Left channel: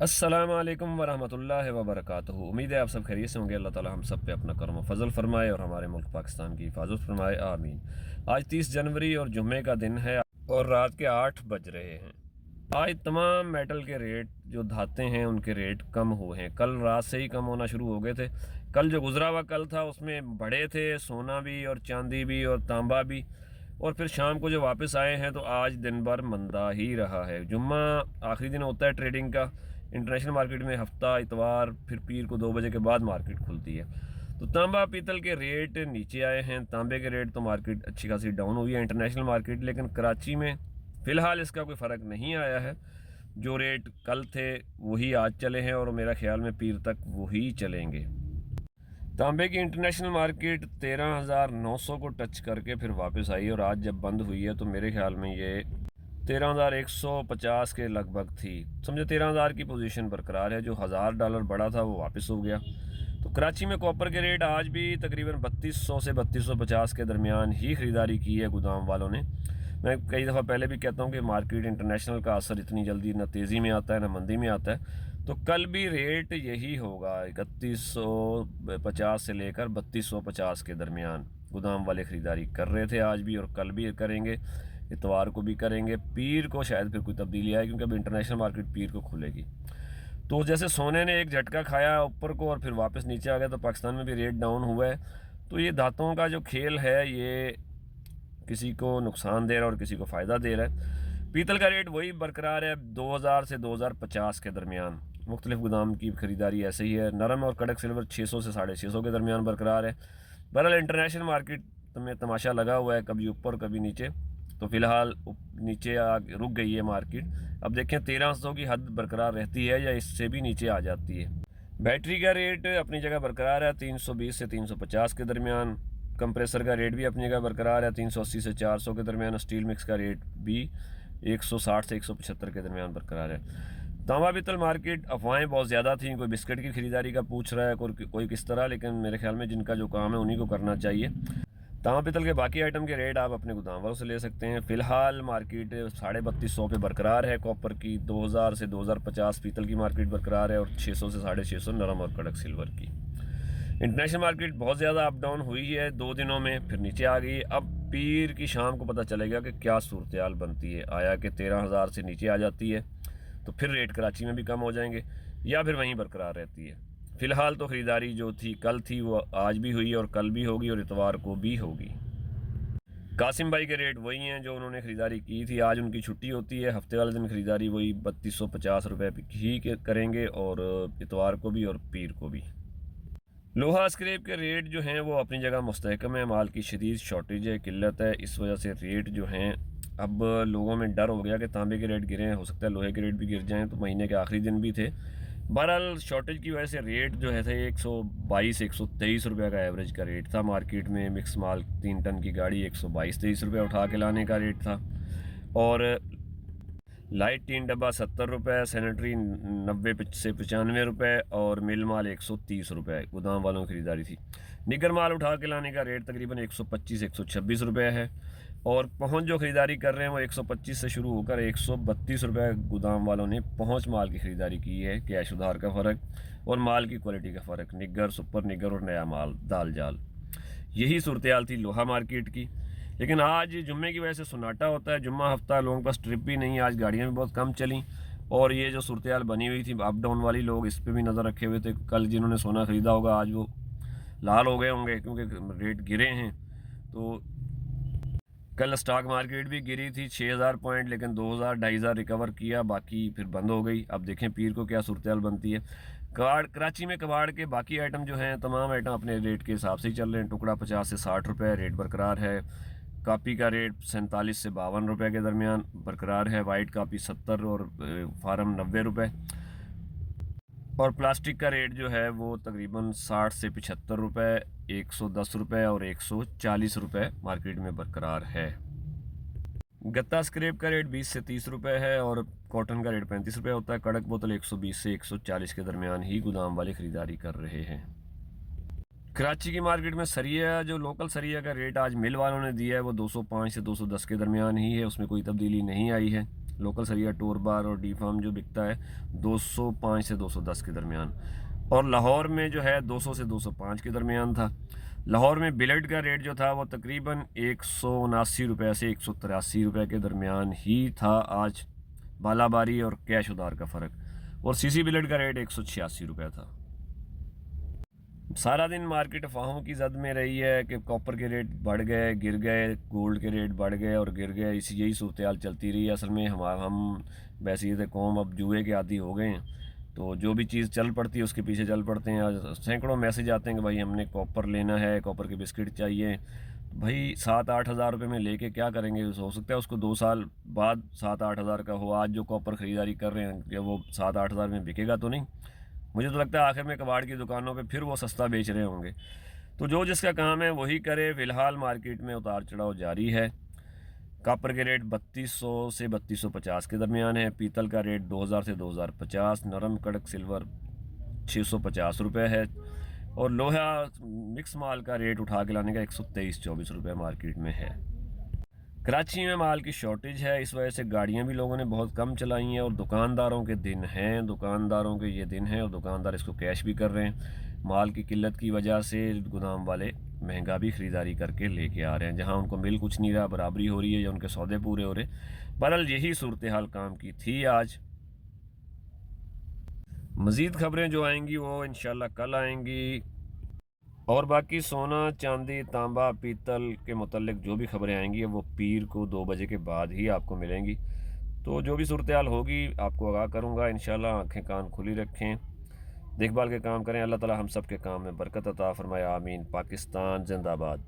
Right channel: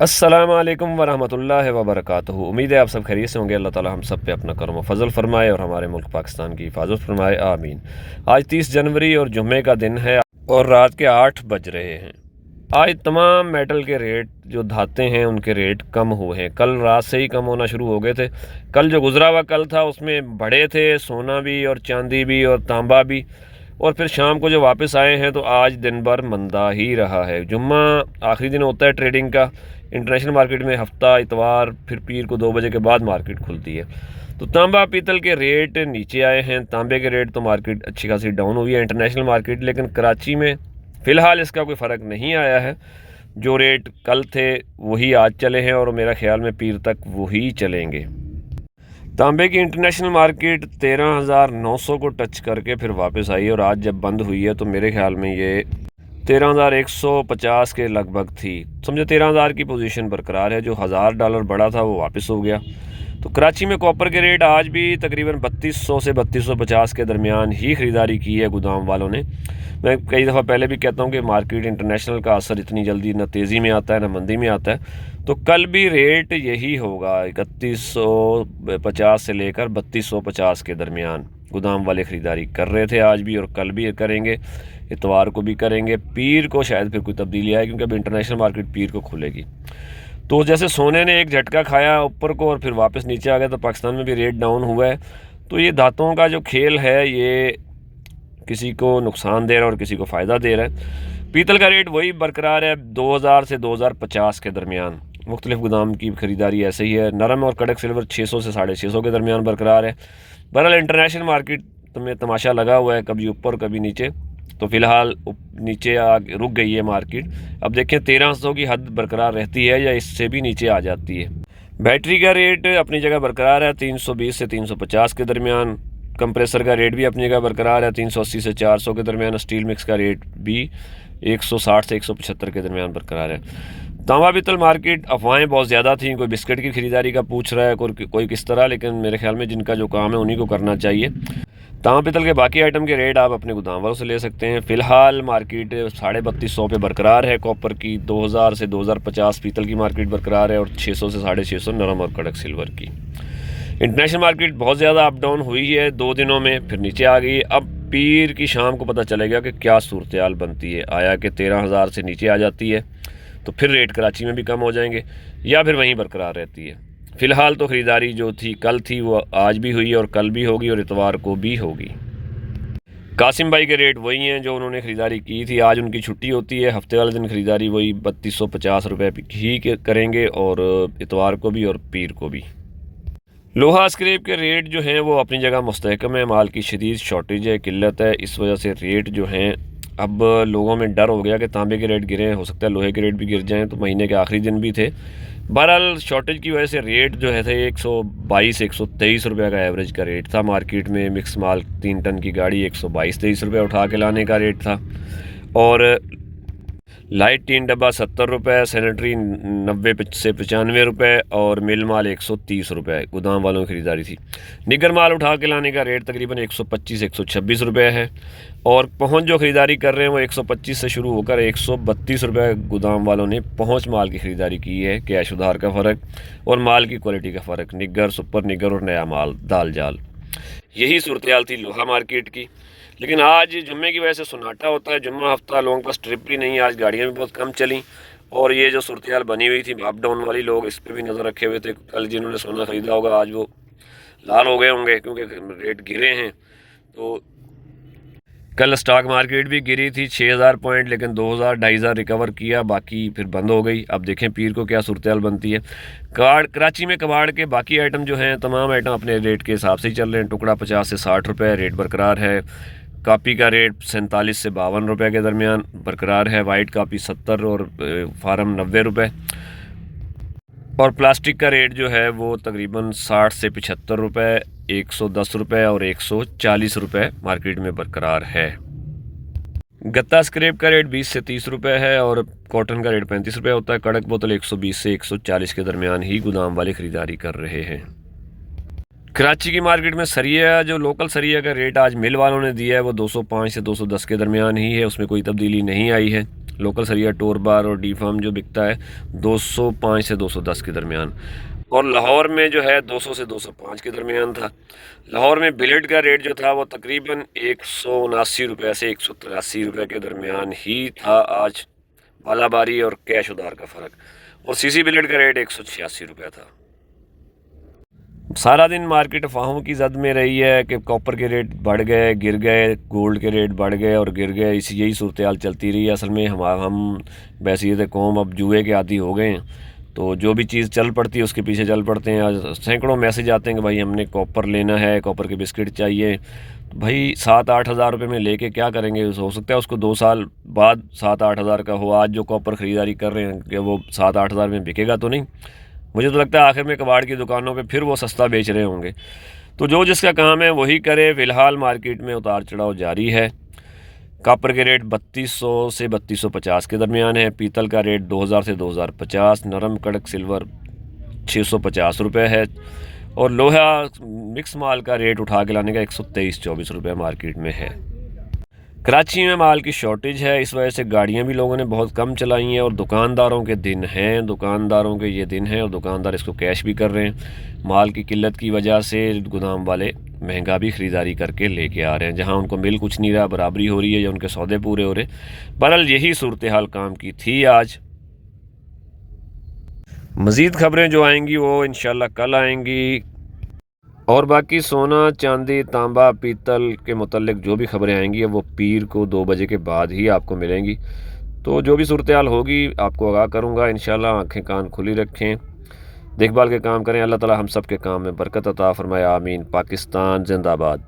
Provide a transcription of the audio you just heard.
अस्सलाम वालेकुम वरहमतुल्लाहि वबरकातुहू। उम्मीद है आप सब खैरियत से होंगे। अल्लाह ताला हम सब पे अपना करम फजल फरमाए और हमारे मुल्क पाकिस्तान की हिफाजत फरमाए, आमीन। आज 30 जनवरी और जुम्मे का दिन है और रात के 8 बज रहे हैं। आज तमाम मेटल के रेट जो धाते हैं उनके रेट कम हुए हैं। कल रात से ही कम होना शुरू हो गए थे। कल जो गुजरा हुआ कल था उसमें बढ़े थे, सोना भी और चांदी भी और तांबा भी। और फिर शाम को जो वापस आए हैं तो आज दिन भर मंदा ही रहा है। जुम्मा आखिरी दिन होता है ट्रेडिंग का। इंटरनेशनल मार्केट में हफ्ता इतवार फिर पीर को 2 बजे के बाद मार्केट खुलती है। तो तांबा पीतल के रेट नीचे आए हैं। तांबे के रेट तो मार्केट अच्छी खासी डाउन हुई है इंटरनेशनल मार्केट, लेकिन कराची में फ़िलहाल इसका कोई फ़र्क नहीं आया है। जो रेट कल थे वही आज चले हैं और मेरा ख्याल में पीर तक वही चलेंगे। तांबे की इंटरनेशनल मार्केट 13,900 को टच करके फिर वापस आई और आज जब बंद हुई है तो मेरे ख्याल में ये 13,150 के लगभग थी। समझो 13,000 की पोजीशन बरकरार है। जो $1,000 बढ़ा था वो वापस हो गया। तो कराची में कॉपर के रेट आज भी तकरीबन 3200 से 3250 के दरमियान ही ख़रीदारी की है गोदाम वालों ने। मैं कई दफ़ा पहले भी कहता हूँ कि मार्केट इंटरनेशनल का असर इतनी जल्दी न तेज़ी में आता है न मंदी में आता है। तो कल भी रेट यही होगा, 3150 से लेकर 3250 के दरमियान गोदाम वाले ख़रीदारी कर रहे थे आज भी और कल भी करेंगे, इतवार को भी करेंगे। पीर को शायद फिर कोई तब्दीली आए क्योंकि अब इंटरनेशनल मार्केट पीर को खुलेगी। तो जैसे सोने ने एक झटका खाया ऊपर को और फिर वापस नीचे आ गया, तो पाकिस्तान में भी रेट डाउन हुआ है। तो ये धातुओं का जो खेल है ये किसी को नुकसान दे रहा है और किसी को फ़ायदा दे रहा है। पीतल का रेट वही बरकरार है 2000 से 2050 के दरमियान। मुख्तलिफ गोदाम की ख़रीदारी ऐसे ही है। नरम और कड़क सिल्वर 600 से 650 के दरमियान बरकरार है। बहरहाल इंटरनेशनल मार्केट में तमाशा लगा हुआ है, कभी ऊपर कभी नीचे। तो फ़िलहाल नीचे रुक गई है मार्केट। अब देखें 1300 की हद बरकरार रहती है या इससे भी नीचे आ जाती है। बैटरी का रेट अपनी जगह बरकरार है 320 से 350 के दरमियान। कंप्रेसर का रेट भी अपनी जगह बरकरार है 380 से 400 के दरमियान। स्टील मिक्स का रेट भी 160 से 175 के दरमियान बरकरार है। तांबा पीतल मार्केट अफवाहें बहुत ज़्यादा थी। कोई बिस्किट की ख़रीदारी का पूछ रहा है, कोई किस तरह, लेकिन मेरे ख्याल में जिनका जो काम है उन्हीं को करना चाहिए। तांबा पीतल के बाकी आइटम के रेट आप अपने गोदाम वालों से ले सकते हैं। फ़िलहाल मार्केट 3250 पे बरकरार है कॉपर की। 2000 से 2050 पीतल की मार्केट बरकरार है और 600 से 650 नरम और कड़क सिल्वर की। इंटरनेशनल मार्केट बहुत ज़्यादा अप डाउन हुई है 2 दिनों में, फिर नीचे आ गई। अब पीर की शाम को पता चलेगा कि क्या सूरत हाल बनती है। आया कि 13,000 से नीचे आ जाती है तो फिर रेट कराची में भी कम हो जाएंगे या फिर वहीं बरकरार रहती है। फ़िलहाल तो ख़रीदारी जो थी कल थी वो आज भी हुई और कल भी होगी और इतवार को भी होगी। कासिम भाई के रेट वही हैं जो उन्होंने ख़रीदारी की थी। आज उनकी छुट्टी होती है, हफ्ते वाले दिन ख़रीदारी वही 3250 ही करेंगे और इतवार को भी और पीर को भी। लोहा स्क्रैप के रेट जो हैं वो अपनी जगह मुस्तहकम है। माल की शदीद शॉर्टेज है, किल्लत है, इस वजह से रेट जो हैं अब लोगों में डर हो गया कि तांबे के रेट गिरे, हो सकता है लोहे के रेट भी गिर जाएं। तो महीने के आखिरी दिन भी थे। बहरहाल शॉर्टेज की वजह से रेट जो है थे 122 123 रुपये का एवरेज का रेट था मार्केट में। मिक्स माल 3 टन की गाड़ी 122-23 रुपये उठा के लाने का रेट था और लाइट 3 डब्बा 70 रुपये, सैनिटरी 90 से 95 रुपये और मिल माल 130 रुपये गोदाम वालों की ख़रीदारी थी। निगर माल उठा के लाने का रेट तकरीबन 125-126 रुपये है और पहुंच जो ख़रीदारी कर रहे हैं वो 125 से शुरू होकर 132 रुपये गोदाम वालों ने पहुंच माल की ख़रीदारी की है। कैश उधार का फ़र्क और माल की क्वालिटी का फ़र्क, निगर, सुपर निगर और नया माल, दाल जाल, यही सूरत हाल थी लोहा मार्केट की। लेकिन आज जुम्मे की वजह से सन्नाटा होता है। जुम्मा हफ्ता लोगों के पास ट्रिप भी नहीं, आज गाड़ियाँ भी बहुत कम चली और ये जो सूरत हाल बनी हुई थी अप डाउन वाली, लोग इस पर भी नज़र रखे हुए थे। कल जिन्होंने सोना ख़रीदा होगा आज वो लाल हो गए होंगे क्योंकि रेट गिरे हैं। तो कल स्टॉक मार्केट भी गिरी थी 6000 पॉइंट, लेकिन 2000-2500 रिकवर किया, बाकी फिर बंद हो गई। अब देखें पीर को क्या सूरत हाल बनती है। कराची में कबाड़ के बाकी आइटम जो हैं तमाम आइटम अपने रेट के हिसाब से ही चल रहे हैं। टुकड़ा 50 से 60 रुपये रेट बरकरार है। कापी का रेट 47 से 52 रुपये के दरमियान बरकरार है। वाइट कापी 70 और फार्म 90 रुपये और प्लास्टिक का रेट जो है वो तकरीबन 60 से 75 रुपये, 110 रुपये और 140 रुपये मार्केट में बरकरार है। गत्ता स्क्रैप का रेट 20 से 30 रुपये है और कॉटन का रेट 35 रुपये होता है। कड़क बोतल 120 से 140 के दरमियान ही गोदाम वाले ख़रीदारी कर रहे हैं। कराची की मार्केट में सरिया, जो लोकल सरिया का रेट आज मिल वालों ने दिया है वो 205 से 210 के दरमियान ही है, उसमें कोई तब्दीली नहीं आई है। लोकल सरिया टोर बार और डी फार्म जो बिकता है 205 से 210 के दरमियान, और लाहौर में जो है 200 से 205 के दरमियान था। लाहौर में बिलेट का रेट जो था वो तकरीबन 179 रुपये से 183 रुपये के दरमियान ही था आज, बालाबारी और कैश उधार का फ़र्क। और सीसी बिलेट का रेट 186 रुपये था। सारा दिन मार्केट अफवाहों की जद में रही है कि कॉपर के रेट बढ़ गए, गिर गए, गोल्ड के रेट बढ़ गए और गिर गए, इसी यही सूरत हाल चलती रही है। असल में हम बैसियत कौम अब जुए के आदी हो गए हैं, तो जो भी चीज़ चल पड़ती है उसके पीछे चल पड़ते हैं। आज सैकड़ों मैसेज आते हैं कि भाई हमने कॉपर लेना है, कॉपर के बिस्किट चाहिए। तो भाई 7-8 हज़ार रुपये में लेके क्या करेंगे? हो सकता है उसको 2 साल बाद 7-8 हज़ार का हो। आज जो कॉपर ख़रीदारी कर रहे हैं कि वो 7-8 हज़ार में बिकेगा तो नहीं। मुझे तो लगता है आखिर में कबाड़ की दुकानों पे फिर वो सस्ता बेच रहे होंगे। तो जो जिसका काम है वही करे। फ़िलहाल मार्केट में उतार चढ़ाव जारी है। कॉपर के रेट 3200 से 3250 के दरमियान है। पीतल का रेट 2000 से 2050, नरम कड़क सिल्वर 650 रुपये है, और लोहा मिक्स माल का रेट उठा के लाने का 123-24 रुपये मार्केट में है। कराची में माल की शॉर्टेज है, इस वजह से गाड़ियां भी लोगों ने बहुत कम चलाई हैं, और दुकानदारों के दिन हैं, दुकानदारों के ये दिन हैं, और दुकानदार इसको कैश भी कर रहे हैं। माल की किल्लत की वजह से गोदाम वाले महंगा भी ख़रीदारी करके लेके आ रहे हैं। जहां उनको मिल कुछ नहीं रहा, बराबरी हो रही है या उनके सौदे पूरे हो रहे। बहरहाल यही सूरत हाल काम की थी आज। मज़ीद खबरें जो आएंगी वो इंशाल्लाह कल आएंगी, और बाकी सोना, चांदी, तांबा, पीतल के मुतल्लिक जो भी खबरें आएंगी वो पीर को 2 बजे के बाद ही आपको मिलेंगी। तो जो भी सूरत हाल होगी आपको आगाह करूँगा इंशाल्लाह। आँखें कान खुली रखें, देखभाल के काम करें। अल्लाह ताला हम सब के काम में बरकत अता फरमाए। आमीन। पाकिस्तान जिंदाबाद।